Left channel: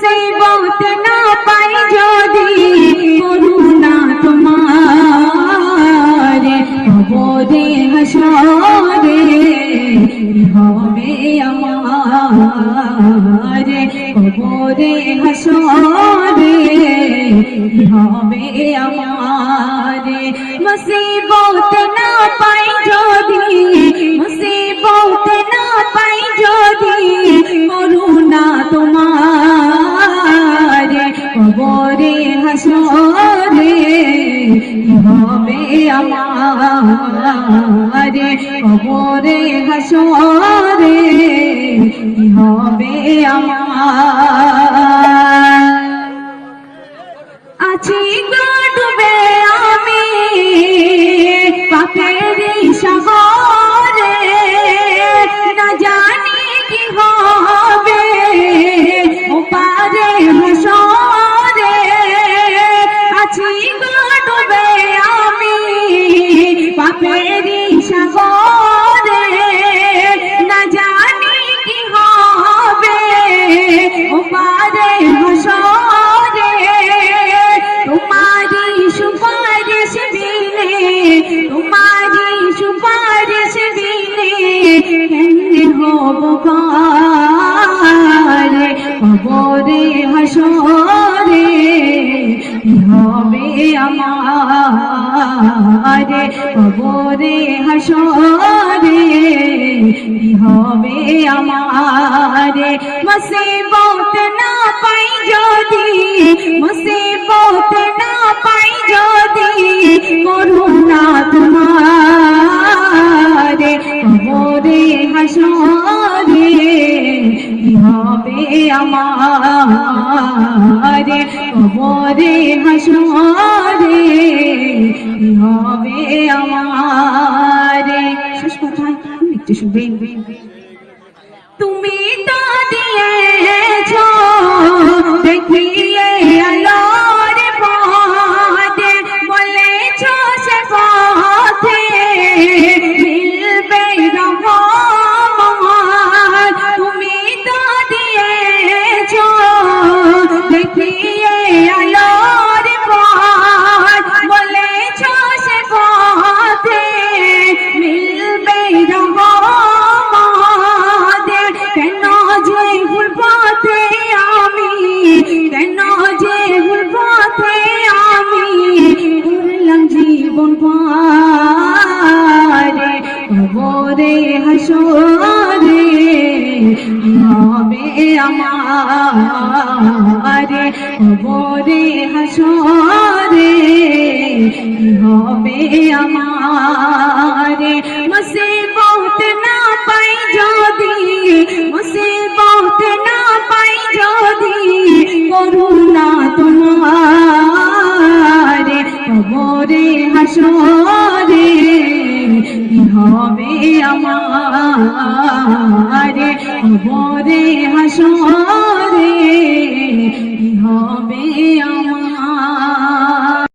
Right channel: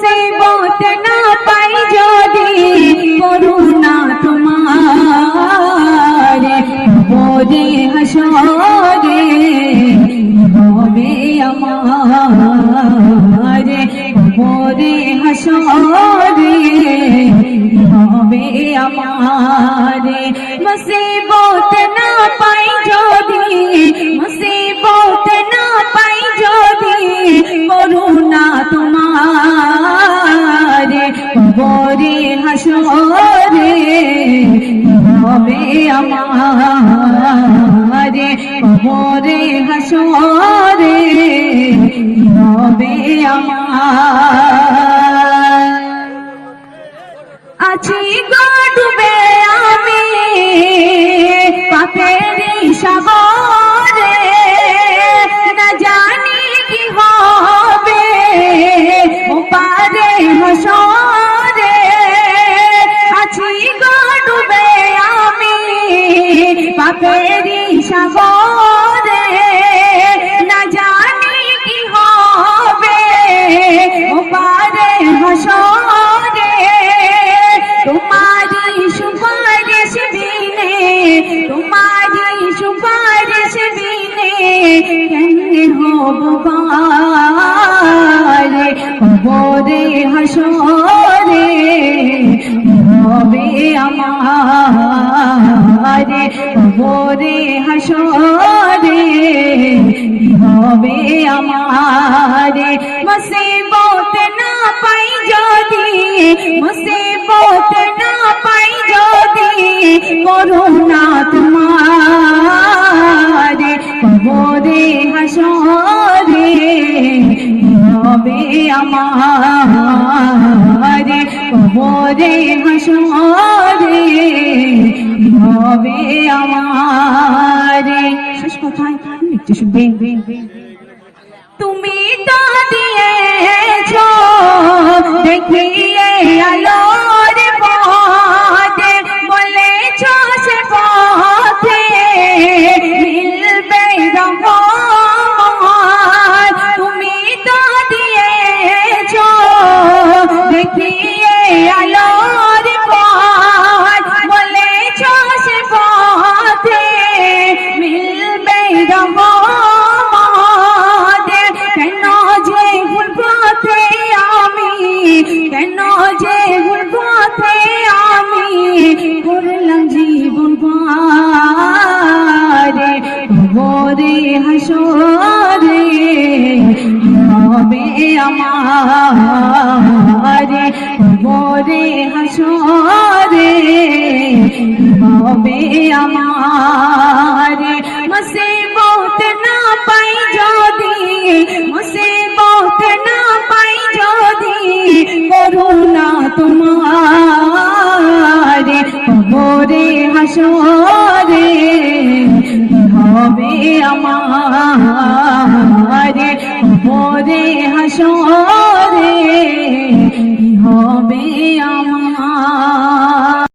মুসিবত না পাই যদি করুণা তোমার কবরে হাসরে হবে আমার কবরে হাসরে হবে আমার মুসিবত না পাই যদি মুসিবত না পাই যদি করুণা তোমার কবরে হাসরে হবে আমার কবরে হাসরে হবে আমার আছি গো ডুবে আমি পাপের সাগরে না জানি কি হবে ওপারে হাসরে আছি গো ডুবে আমি পাপের সাগরে না জানি কি হবে ওপারে হাসরে তোমারি সুপারিশ দিলে তোমারি সুপারিশ দিলে কেমনে হব পারে কবরে হাসরে হবে আমার কবরে হাসরে হবে আমার মুসিবত না পাই যদি মুসিবত না পাই যদি করুণা তোমার কবরে হাসরে হবে আমার কবরে হাসরে হবে আমার শেষ কথায় একটু শুনবেন তুমি তো দিয়েছো দেখিয়ে আলোর পথে বলেছো সে পথে মিলবে রহমান তুমি তো দিয়েছো দেখিয়ে আলোর পথ বলেছো সে পথে মিলবে রহমান কেন যে ভুল পথে আমি কেন যে ভুল পথে আমি করলাম জীবন পারে কবরে হাসরে হবে আমার কবরে হাসরে হবে আমার মুসিবত না পাই যদি মুসিবত না পাই যদি করুণা তোমার কবরে হাসরে হবে আমার